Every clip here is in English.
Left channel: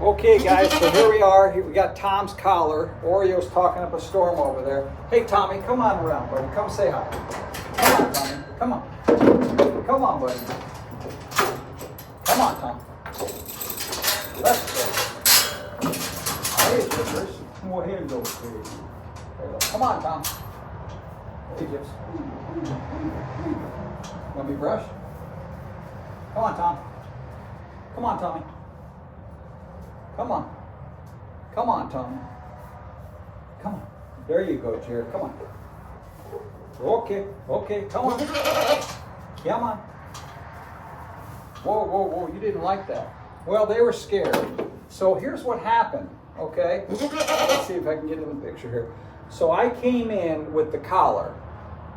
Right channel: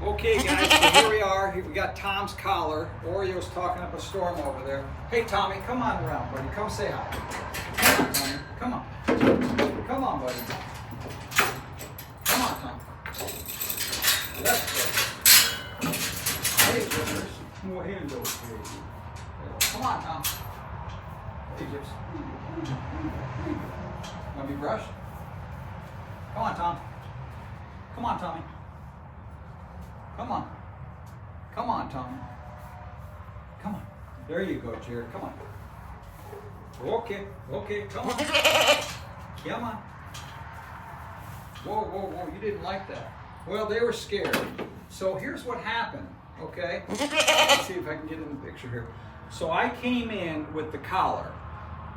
Okay, guys, so here we are. Here we got Tom's collar. Oreo's talking up a storm over there. Hey, Tommy, come on around, buddy. Come say hi. Come on, Tommy. Come on. Come on, buddy. Come on, Tom. Let's go. Hey, Gypsies. More hands over here. There you go. Come on, Tom. Hey, Gypsies. Want to be brushed? Come on, Tom. Come on, Tommy. Come on. Come on, Tommy. Come on. There you go, Jared. Come on. Okay. Okay. Come on. Come on. Whoa, whoa, whoa. You didn't like that. Well, they were scared. So here's what happened, okay? Let's see if I can get in the picture here. So I came in with the collar.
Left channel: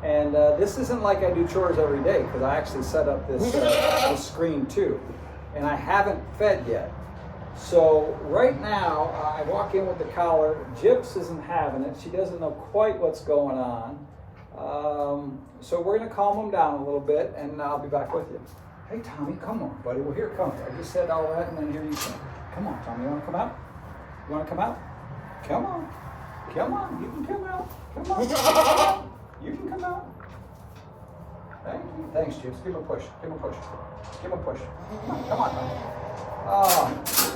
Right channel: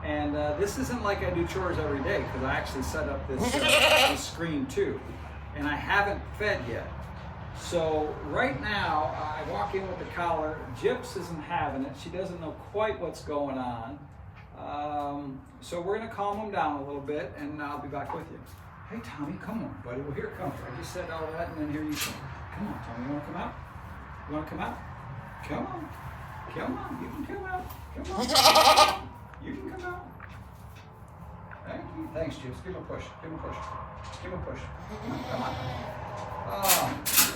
And this isn't like I do chores every day because I actually set up this screen too. And I haven't fed yet. So right now, I walk in with the collar. Gyps isn't having it. She doesn't know quite what's going on. So we're going to calm them down a little bit, and I'll be back with you. Hey, Tommy, come on, buddy. Well, here it comes. I just said all that, and then here you come. Come on, Tommy. You want to come out? You want to come out? Come on. Come on. You can come out. Come on. You can come out. Thank you. Thanks, Gyps. Give him a push. Give him a push. Give him a push. Come on, Tommy.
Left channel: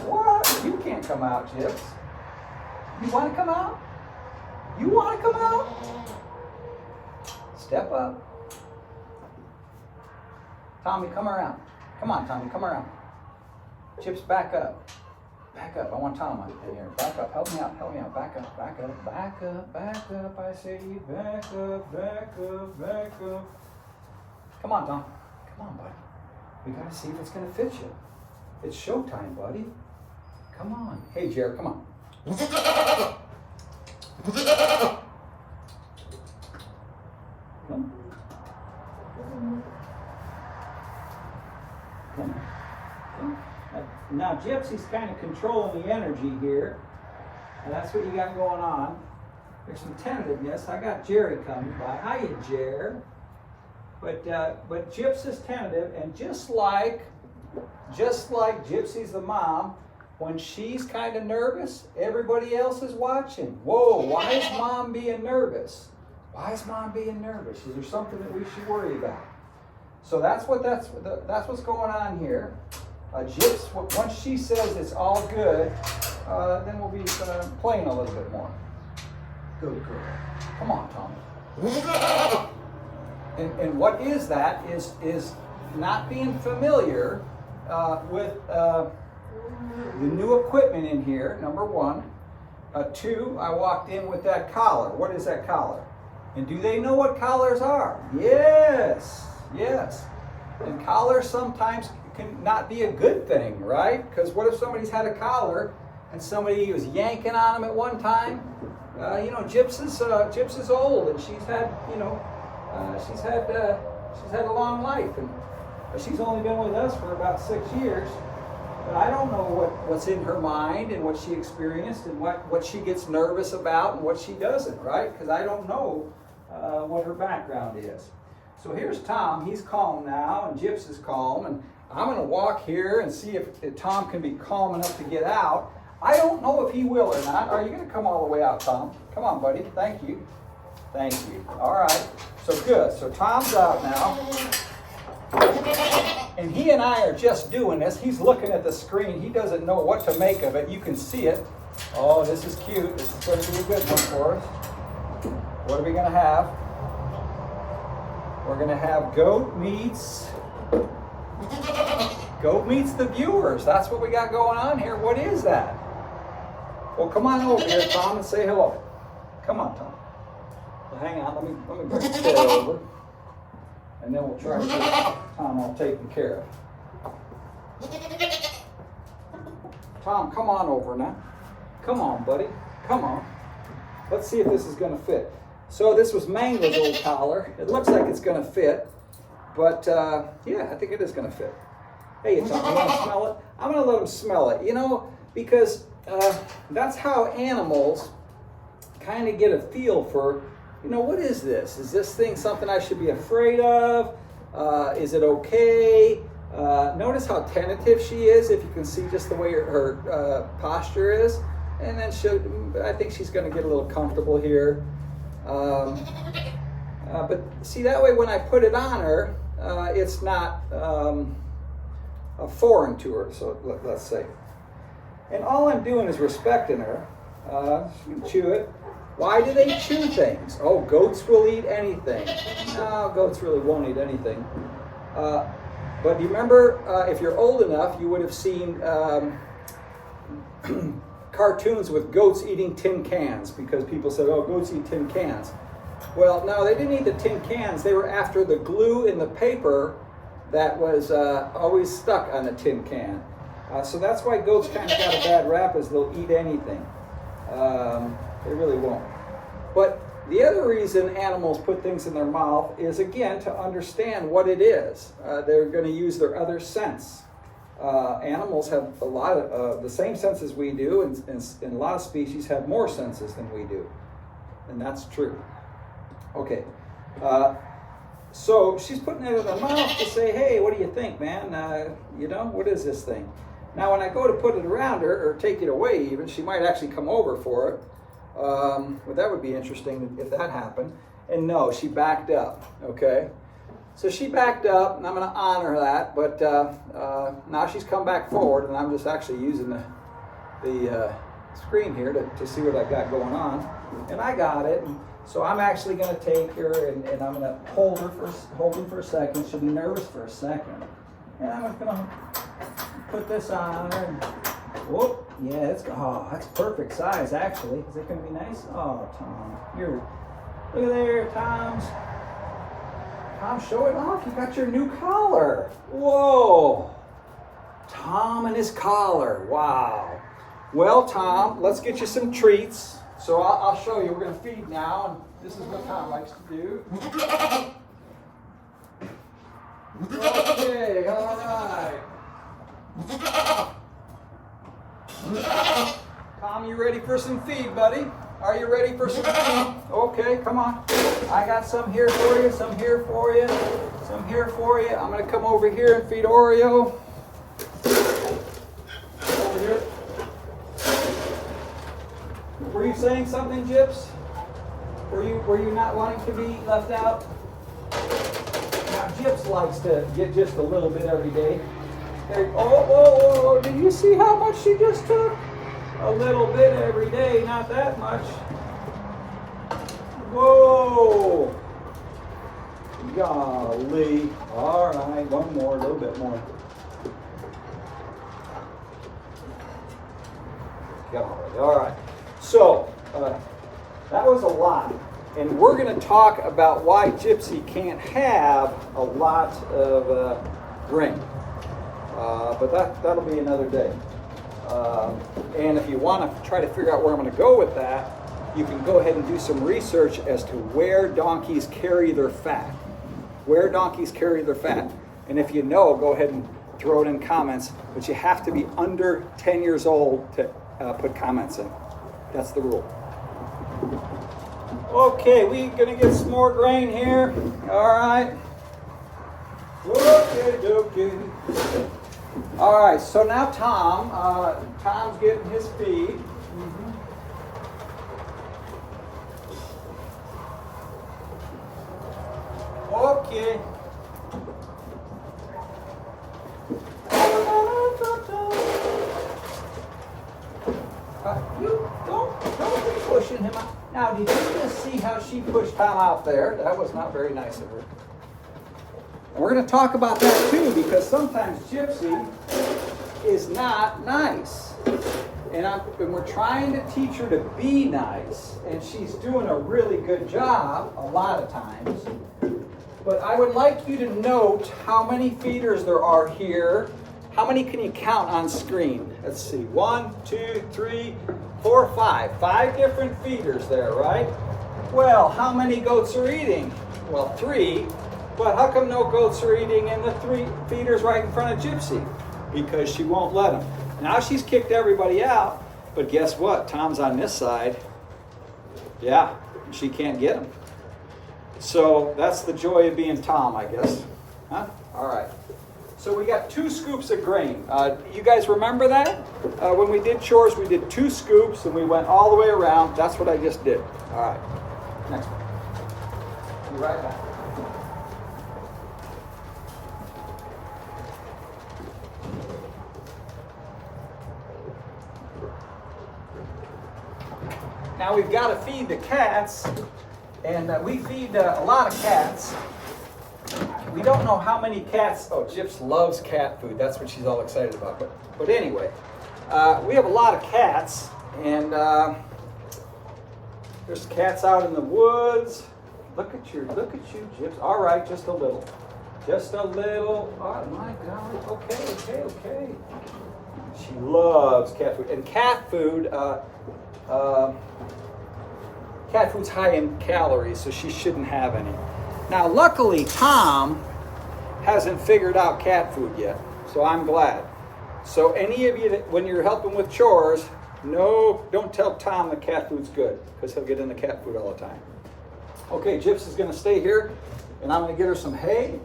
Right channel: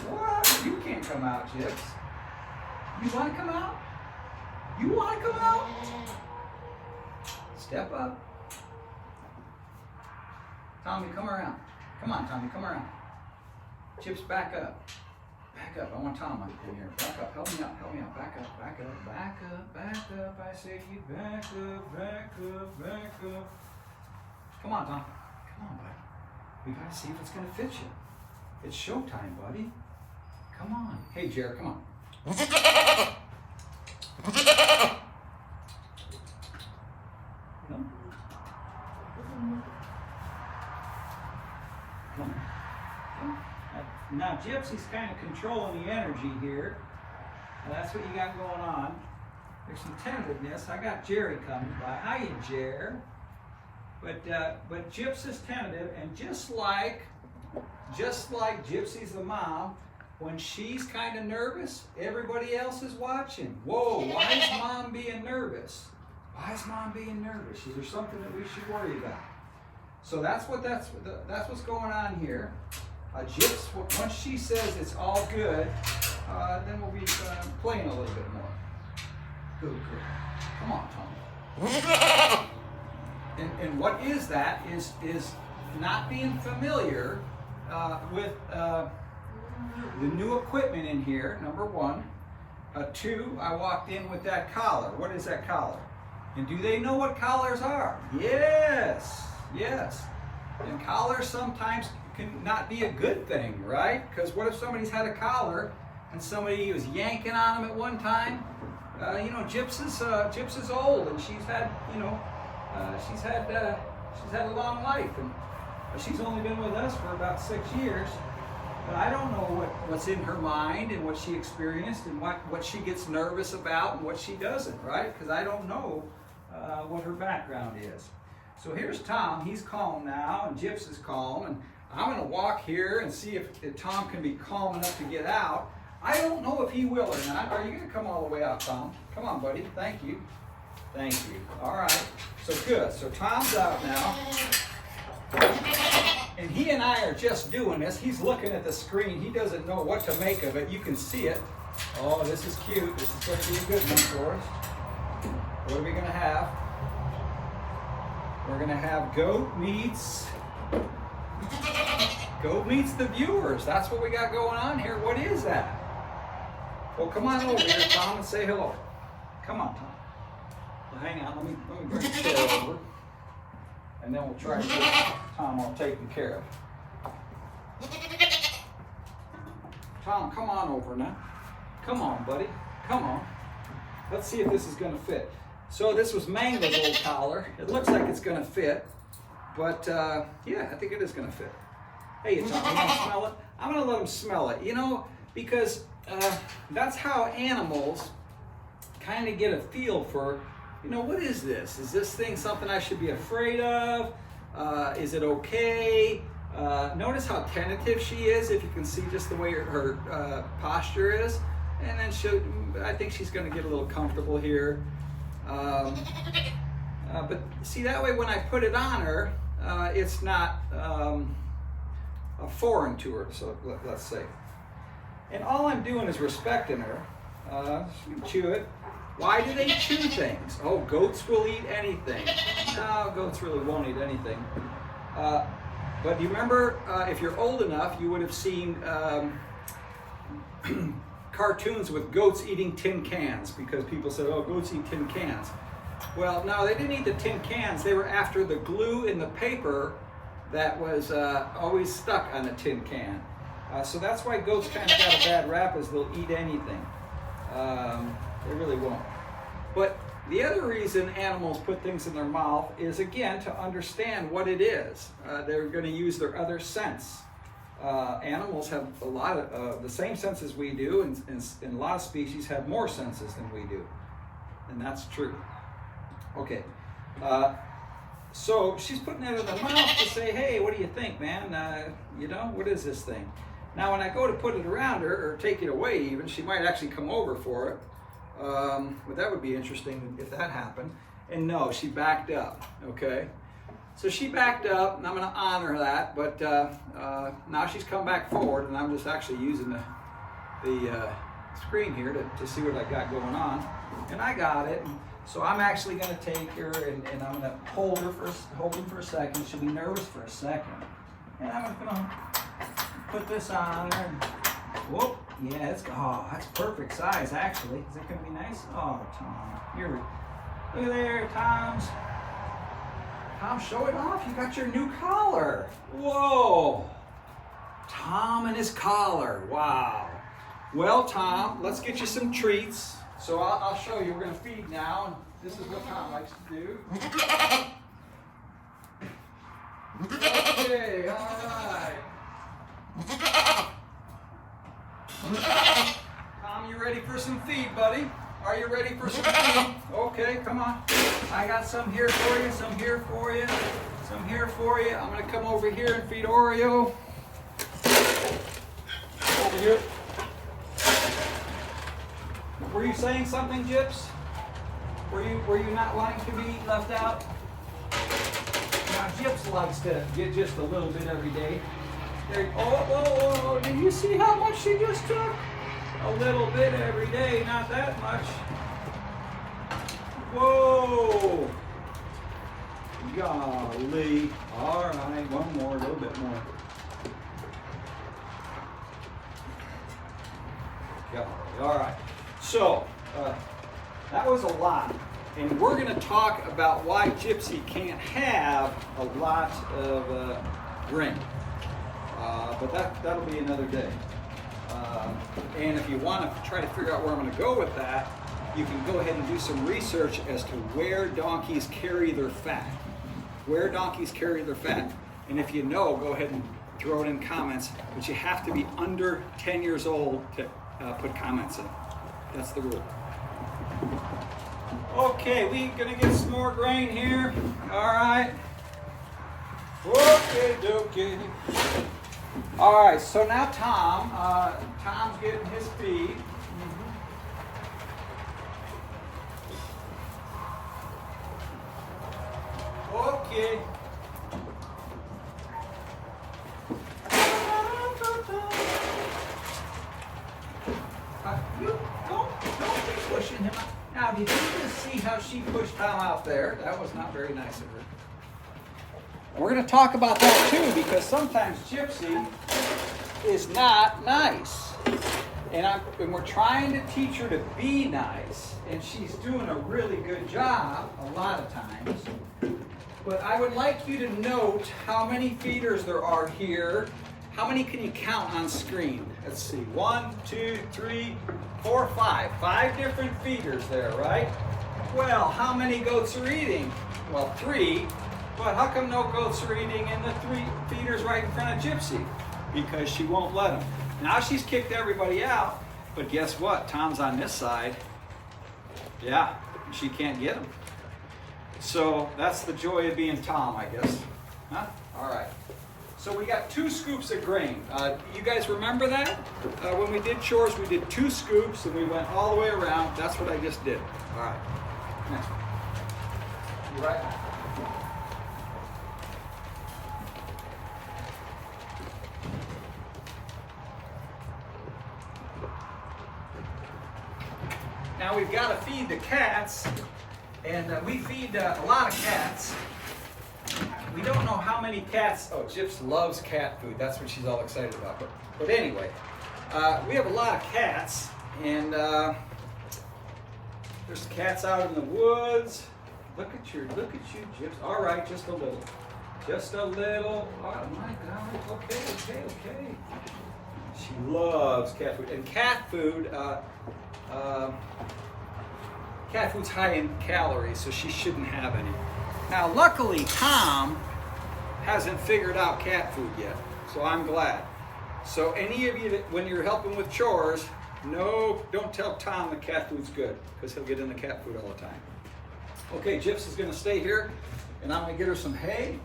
What? You can't come out, Gyps. You want to come out? You want to come out? Step up. Tommy, come around. Come on, Tommy, come around. Gyps, back up. Back up. I want Tom in here. Back up. Help me out. Help me out. Back up. Back up. Back up. Back up. I say back up. Back up. Back up. Come on, Tom. Come on, buddy. We got to see if it's going to fit you. It's showtime, buddy. Come on. Hey, Jared, come on. Now, Gypsy's kind of controlling the energy here. And that's what you got going on. There's some tentativeness. I got Jerry coming by. Hiya, Jer. But Gyps is tentative, and just like Gypsy's the mom, when she's kind of nervous, everybody else is watching. Whoa, why is mom being nervous? Why is mom being nervous? Is there something that we should worry about? So that's what's going on here. Gyps, once she says it's all good, then we'll be playing a little bit more. Good girl. Come on, Tommy. And what is that is not being familiar with the new equipment in here, number one. Two, I walked in with that collar. What is that collar? And do they know what collars are? Yes, yes. And collars sometimes can not be a good thing, right? Because what if somebody's had a collar and somebody was yanking on them at one time? Gyps is old, and she's had, she's had a long life, and she's only been with us for about 6 years. But I don't know what's in her mind and what she experienced and what she gets nervous about and what she doesn't, right? Because I don't know what her background is. So here's Tom. He's calm now, and Gyps is calm, and I'm going to walk here and see if Tom can be calm enough to get out. I don't know if he will or not. Are you going to come all the way out, Tom? Come on, buddy. Thank you. Thank you. All right. So good. So Tom's out now. And he and I are just doing this. He's looking at the screen. He doesn't know what to make of it. You can see it. Oh, this is cute. This is going to be a good one for us. What are we going to have? We're going to have goat meets the viewers. That's what we got going on here. What is that? Well, come on over here, Tom, and say hello. Come on, Tom. Well, hang on. Let me bring the chair over. And then we'll try to get Tom all taken care of. Tom, come on over now. Come on, buddy. Come on. Let's see if this is going to fit. So this was Mango's old collar. It looks like it's going to fit. But, yeah, I think it is going to fit. Hey, Tom, you want to smell it? I'm going to let him smell it, because that's how animals kind of get a feel for, what is this? Is this thing something I should be afraid of? Is it okay? Notice how tentative she is, if you can see just the way her posture is. And then I think she's going to get a little comfortable here. But see, that way when I put it on her, it's not foreign to her, so let's say. And all I'm doing is respecting her. Chew it. Why do they chew things? Oh, goats will eat anything. No, goats really won't eat anything. But you remember, if you're old enough, you would have seen cartoons with goats eating tin cans, because people said, oh, goats eat tin cans. Well, no, they didn't eat the tin cans. They were after the glue in the paper that was always stuck on a tin can. So that's why goats kind of got a bad rap, is they'll eat anything. They really won't. But the other reason animals put things in their mouth is, again, to understand what it is. They're going to use their other sense. Animals have a lot of the same senses we do, and a lot of species have more senses than we do. And that's true. Okay. So she's putting it in her mouth to say, hey, what do you think, man? What is this thing? Now, when I go to put it around her, or take it away even, she might actually come over for it. Well, that would be interesting if that happened. And no, she backed up, okay? So she backed up, and I'm going to honor that, but now she's come back forward, and I'm just actually using the screen here to see what I got going on. And I got it. So I'm actually going to take her, and I'm going to hold her for a second. She'll be nervous for a second. And I'm going to put this on her. And, whoop. Yeah, that's perfect size, actually. Is it going to be nice? Oh, Tom. Look at there, Tom, show it off. You got your new collar. Whoa. Tom and his collar. Wow. Well, Tom, let's get you some treats. So I'll show you. We're going to feed now. This is what Tom likes to do. Okay, all right. Tom, you ready for some feed, buddy? Are you ready for some feed? Okay, come on. I got some here for you, some here for you, some here for you. I'm going to come over here and feed Oreo. Over here. Were you saying something, Gyps? Were you not wanting to be left out? Now, Gyps likes to get just a little bit every day. Oh, did you see how much she just took? A little bit every day, not that much. Whoa! Golly. All right, one more, a little bit more. Golly, all right. So, that was a lot. And we're going to talk about why Gypsy can't have a lot of grain. But that'll be another day. And if you want to try to figure out where I'm going to go with that, you can go ahead and do some research as to where donkeys carry their fat. Where donkeys carry their fat. And if you know, go ahead and throw it in comments. But you have to be under 10 years old to put comments in. That's the rule. Okay, we're going to get some more grain here. All right. Okay. All right, so now Tom's getting his feed. Okay. You don't be pushing him out. Now, did you just see how she pushed Tom out there? That was not very nice of her. We're going to talk about that too, because sometimes Gypsy is not nice. And we're trying to teach her to be nice, and she's doing a really good job a lot of times. But I would like you to note how many feeders there are here. How many can you count on screen? Let's see, 1, 2, 3, 4, 5. 5 different feeders there, right? Well, how many goats are eating? Well, 3. But how come no goats are eating in the 3 feeders right in front of Gypsy? Because she won't let them. Now she's kicked everybody out, but guess what? Tom's on this side. Yeah, she can't get him. So that's the joy of being Tom, I guess. Huh? All right. So we got 2 scoops of grain. You guys remember that? When we did chores, we did 2 scoops and we went all the way around. That's what I just did. All right, next one. Be right back. Now we've got to feed the cats, and we feed a lot of cats. We don't know how many cats. Oh, Gyps loves cat food. That's what she's all excited about. But anyway, we have a lot of cats, and there's cats out in the woods. Look at you, Gyps. All right, just a little. Just a little. Oh my God. Okay. She loves cat food, and cat food's high in calories, so she shouldn't have any. Now, luckily, Tom hasn't figured out cat food yet, so I'm glad. So any of you that, when you're helping with chores, no, don't tell Tom that cat food's good, because he'll get into cat food all the time. Okay, Gyps is going to stay here, and I'm going to get her some hay.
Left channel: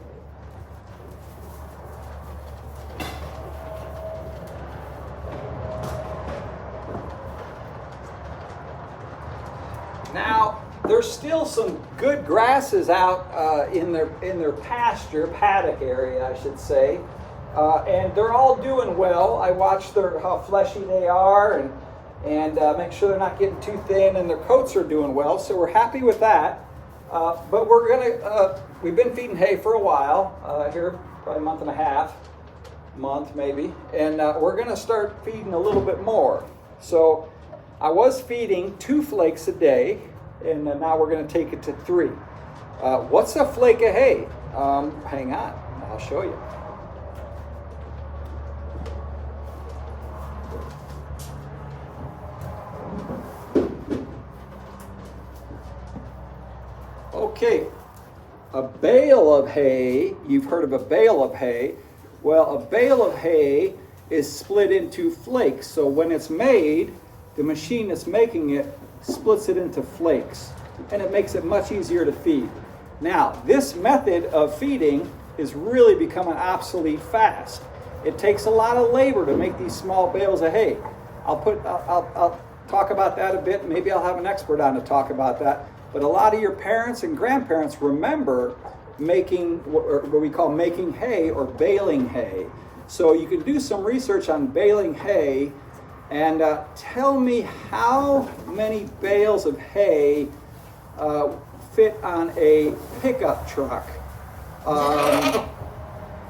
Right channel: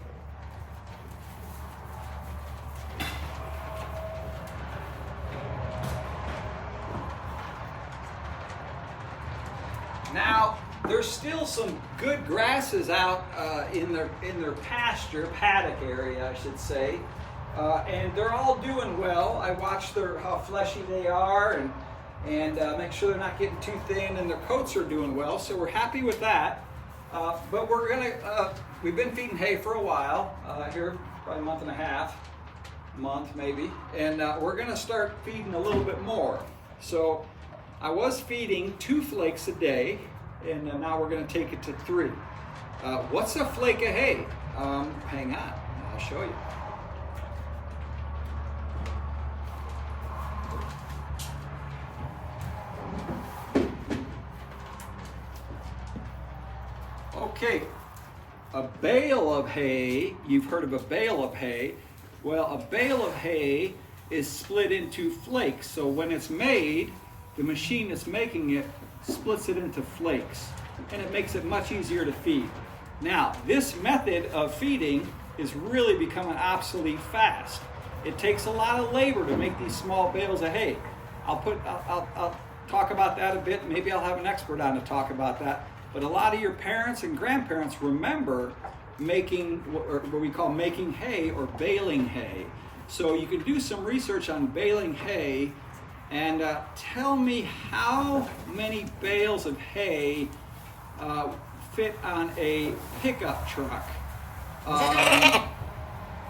Now, there's still some good grasses out in their pasture, paddock area, I should say, and they're all doing well. I watch how fleshy they are and make sure they're not getting too thin, and their coats are doing well. So we're happy with that. But we've been feeding hay for a while here, probably a month and a half, maybe, and we're gonna start feeding a little bit more. So I was feeding 2 flakes a day, and now we're going to take it to 3. What's a flake of hay? Hang on, I'll show you. Okay, a bale of hay, you've heard of a bale of hay. Well, a bale of hay is split into flakes. So when it's made, the machine that's making it splits it into flakes, and it makes it much easier to feed. Now, this method of feeding is really becoming obsolete fast. It takes a lot of labor to make these small bales of hay. I'll talk about that a bit. Maybe I'll have an expert on to talk about that. But a lot of your parents and grandparents remember making what we call making hay or baling hay. So you can do some research on baling hay. And tell me how many bales of hay fit on a pickup truck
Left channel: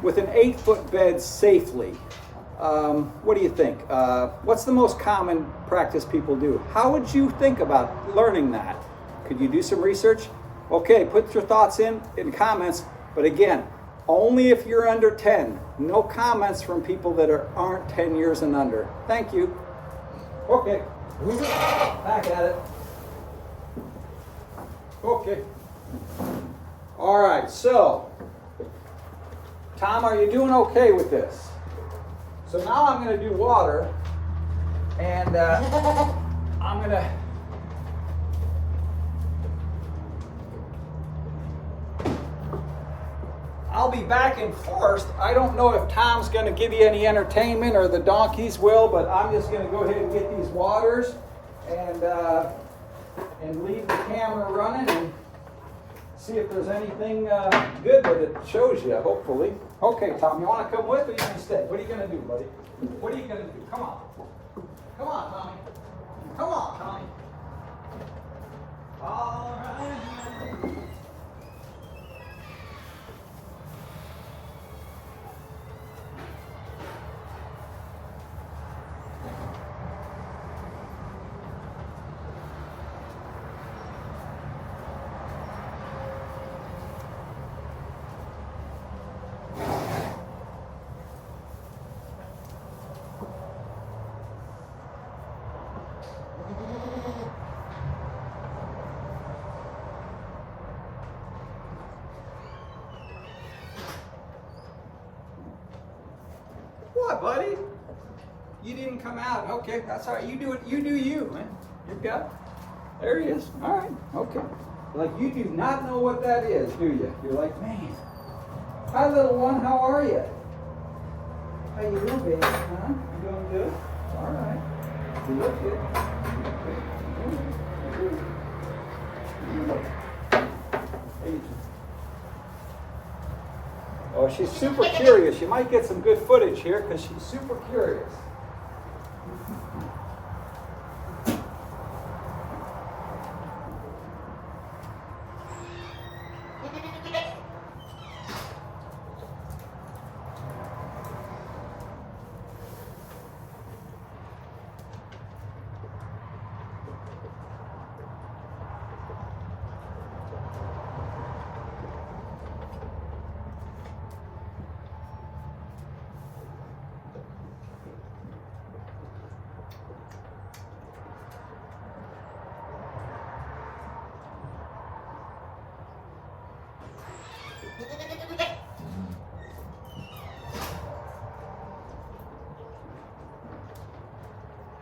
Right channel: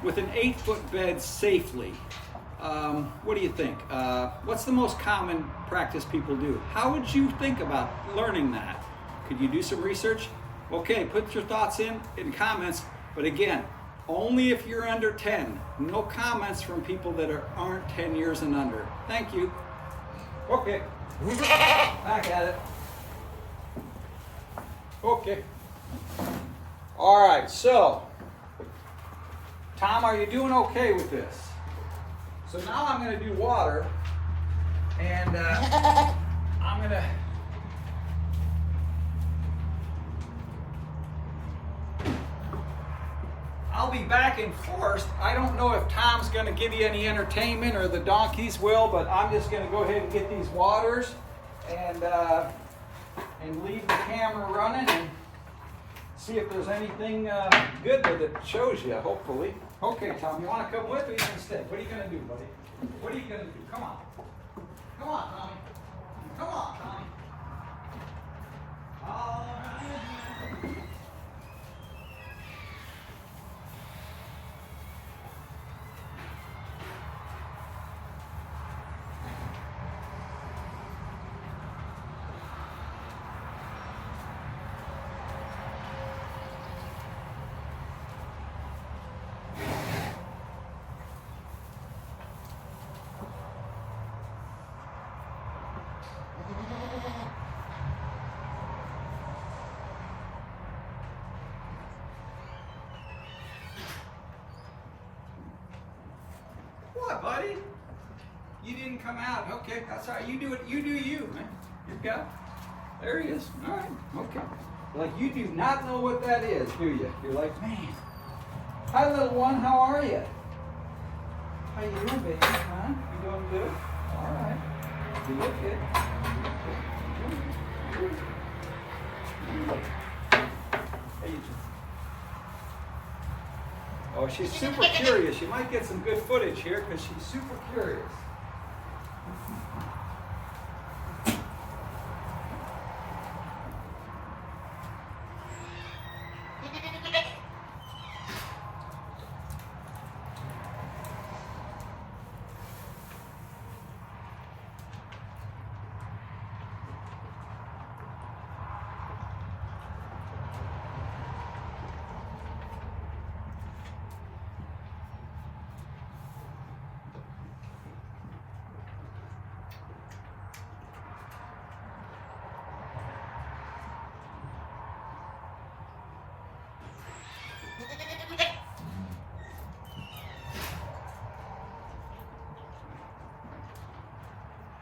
with an 8-foot bed safely. What do you think? What's the most common practice people do? How would you think about learning that? Could you do some research? Okay, put your thoughts in comments. But again, only if you're under 10. No comments from people that aren't 10 years and under. Thank you. Okay, back at it. Okay. All right, so, Tom, are you doing okay with this? So now I'm going to do water, and I'm going to... I'll be back and forth. I don't know if Tom's going to give you any entertainment or the donkeys will, but I'm just going to go ahead and get these waters and leave the camera running and see if there's anything good that it shows you, hopefully. Okay, Tom, you want to come with or you can stay? What are you going to do, buddy? What are you going to do? Come on. Come on, Tommy. Come on, Tommy. All right. What, buddy? You didn't come out. Okay, that's all right. You do it. You do you, man. You're good. There he is. All right. Okay. Like, you do not know what that is, do you? You're like, man. Hi, little one. How are you? How you doing, baby? Huh? You doing good? All right. You look good. Oh, she's super curious. You might get some good footage here because she's super curious.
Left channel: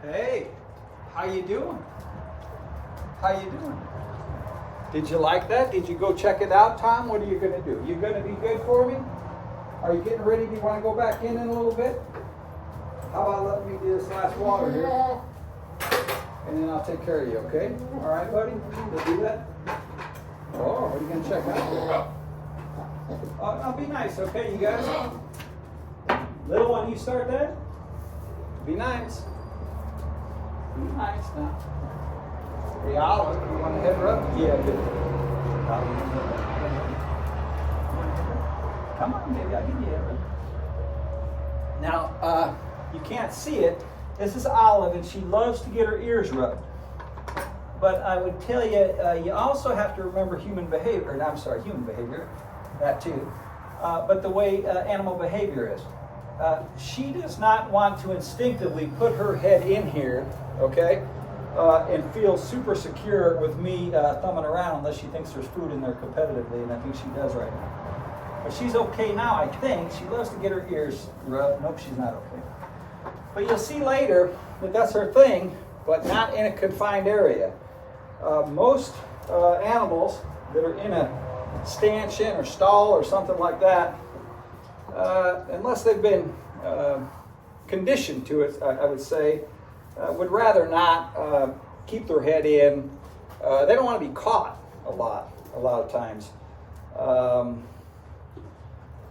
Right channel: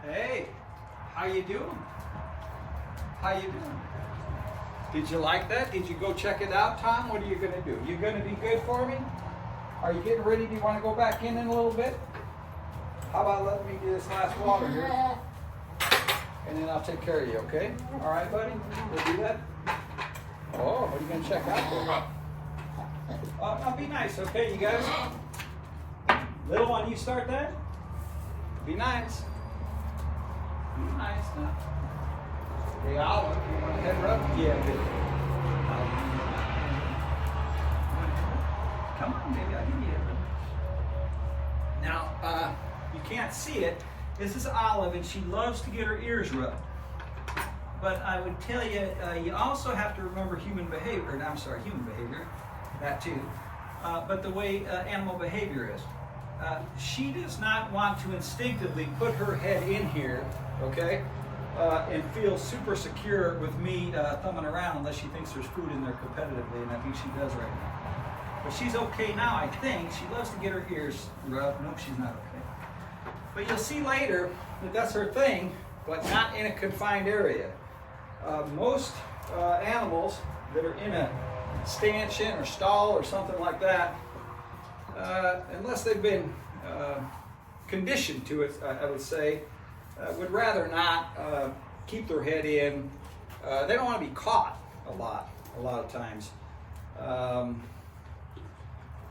Hey, how you doing? How you doing? Did you like that? Did you go check it out, Tom? What are you going to do? You going to be good for me? Are you getting ready? Do you want to go back in a little bit? How about letting me do this last water here? And then I'll take care of you, okay? All right, buddy? You'll do that? Oh, what are you going to check out? I'll be nice, okay, you guys? Little one, you start that? Be nice. Be nice now. Hey, Olive, you want to head rub? Yeah, good. Come on, baby, I'll give you a head rub. Now, you can't see it. This is Olive, and she loves to get her ears rubbed. But I would tell you, you also have to remember human behavior, that too. But the way animal behavior is. She does not want to instinctively put her head in here, okay, and feel super secure with me thumbing around unless she thinks there's food in there competitively, and I think she does right now. But she's okay now, I think. She loves to get her ears rubbed. Nope, she's not okay. But you'll see later that that's her thing, but not in a confined area. Most animals that are in a stanchion or stall or something like that, unless they've been conditioned to it, I would say, would rather not keep their head in. They don't want to be caught a lot of times.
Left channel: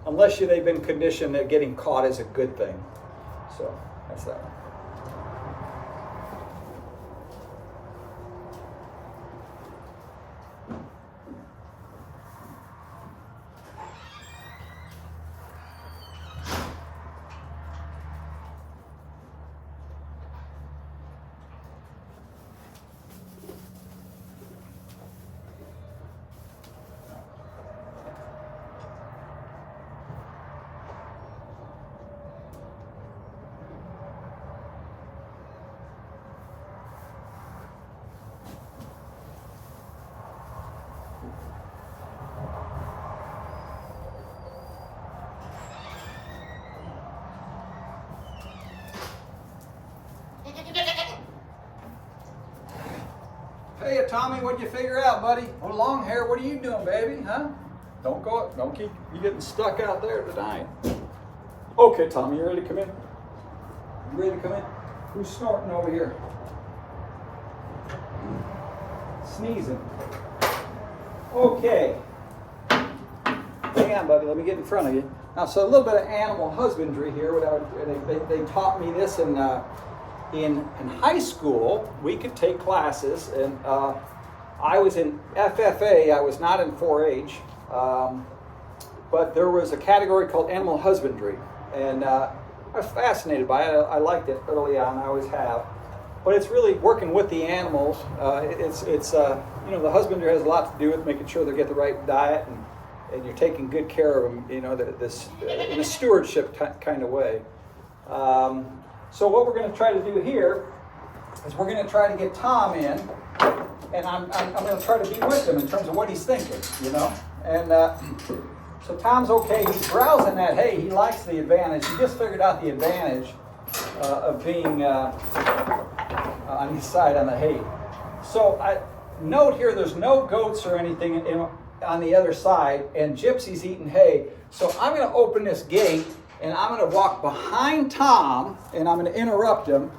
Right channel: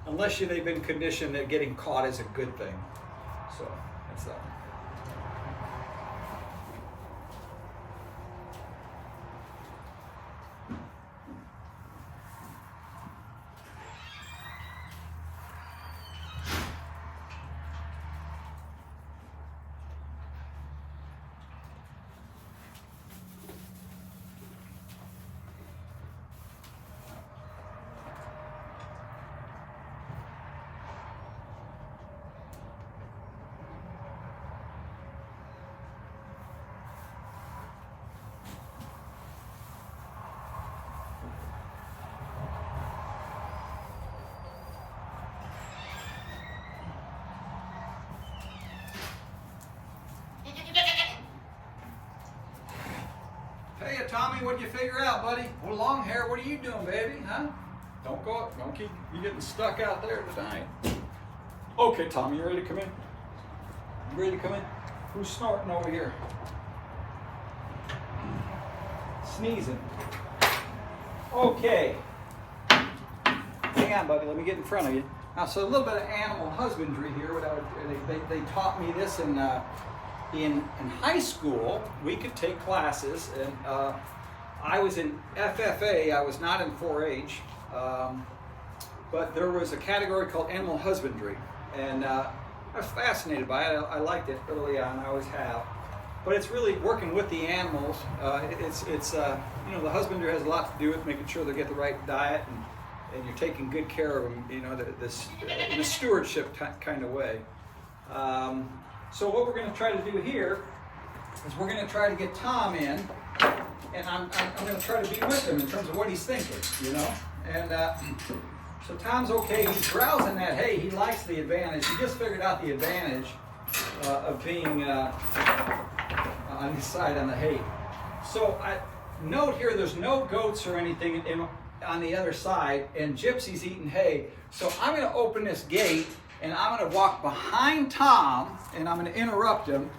Unless they've been conditioned that getting caught is a good thing. So that's that. Hey, Tommy, what'd you figure out, buddy? Oh, long hair, what are you doing, baby? Huh? Don't keep you getting stuck out there tonight. Okay, Tommy, you ready to come in? You ready to come in? Who's snorting over here? Sneezing. Okay. Hang on, buddy, let me get in front of you. Now, so a little bit of animal husbandry here. They taught me this in high school. We could take classes, and I was in FFA. I was not in 4-H, but there was a category called animal husbandry, and I was fascinated by it. I liked it early on. I always have, but it's really working with the animals. It's the husbandry has a lot to do with making sure they get the right diet, and you're taking good care of them. You know, this in a stewardship kind of way. So what we're going to try to do here is we're going to try to get Tom in, and I'm going to try to be with him in terms of what he's thinking, you know. And so Tom's okay. He's browsing that hay. He likes the advantage. He just figured out the advantage of being on his side on the hay. So note here, there's no goats or anything on the other side, and Gypsy's eating hay. So I'm going to open this gate and I'm going to walk behind Tom, and I'm going to interrupt him,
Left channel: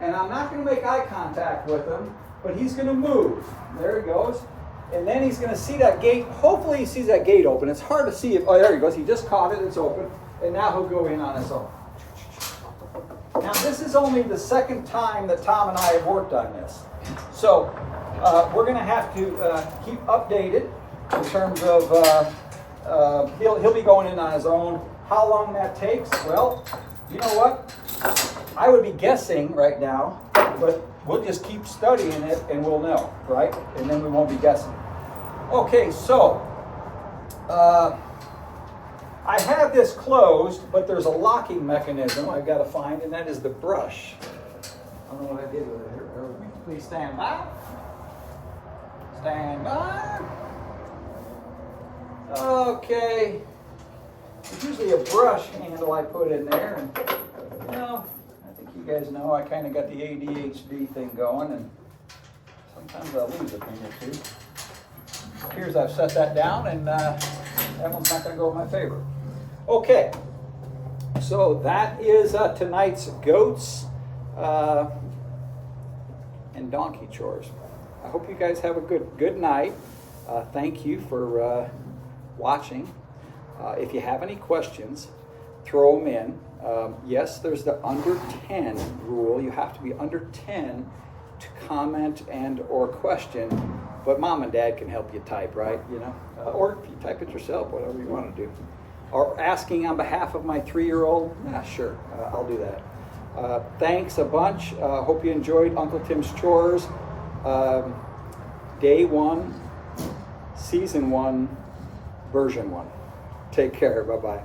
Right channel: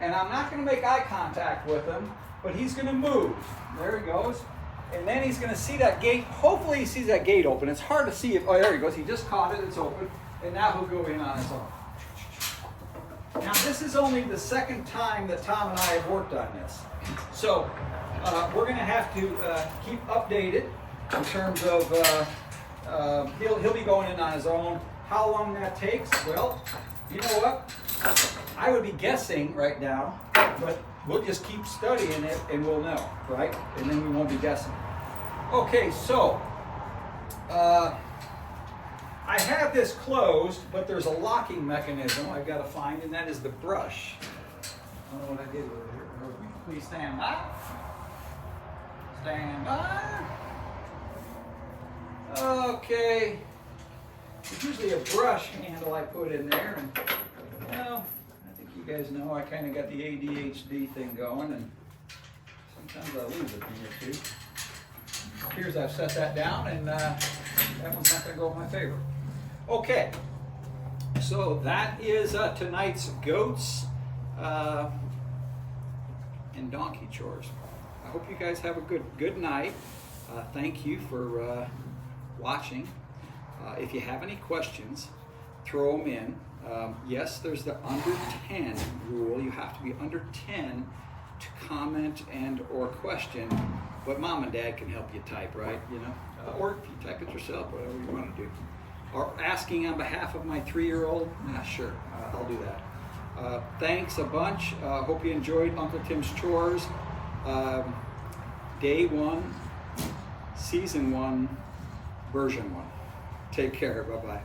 and I'm not going to make eye contact with him, but he's going to move. There he goes. And then he's going to see that gate. Hopefully he sees that gate open. It's hard to see if, oh, there he goes. He just caught it. It's open. And now he'll go in on his own. Now, this is only the second time that Tom and I have worked on this. So, we're going to have to keep updated in terms of, he'll be going in on his own. How long that takes? Well, you know what? I would be guessing right now, but we'll just keep studying it and we'll know, right? And then we won't be guessing. Okay, so I have this closed, but there's a locking mechanism I've got to find, and that is the brush. I don't know what I did with it here. Please stand by. Stand by. Okay. There's usually a brush handle I put in there, and you know, I think you guys know I kind of got the ADHD thing going, and sometimes I lose a thing or two. Here's I've set that down, and that one's not going to go in my favor. Okay, so that is tonight's goats and donkey chores. I hope you guys have a good night. Thank you for watching. If you have any questions, throw them in. Yes, there's the under 10 rule. You have to be under 10 to comment and or question, but mom and dad can help you type, right? You know, or if you type it yourself, whatever you want to do. Or asking on behalf of my 3-year-old, sure, I'll do that. Thanks a bunch. Hope you enjoyed Uncle Tim's Chores. Day 1, Season 1, Version 1. Take care. Bye-bye.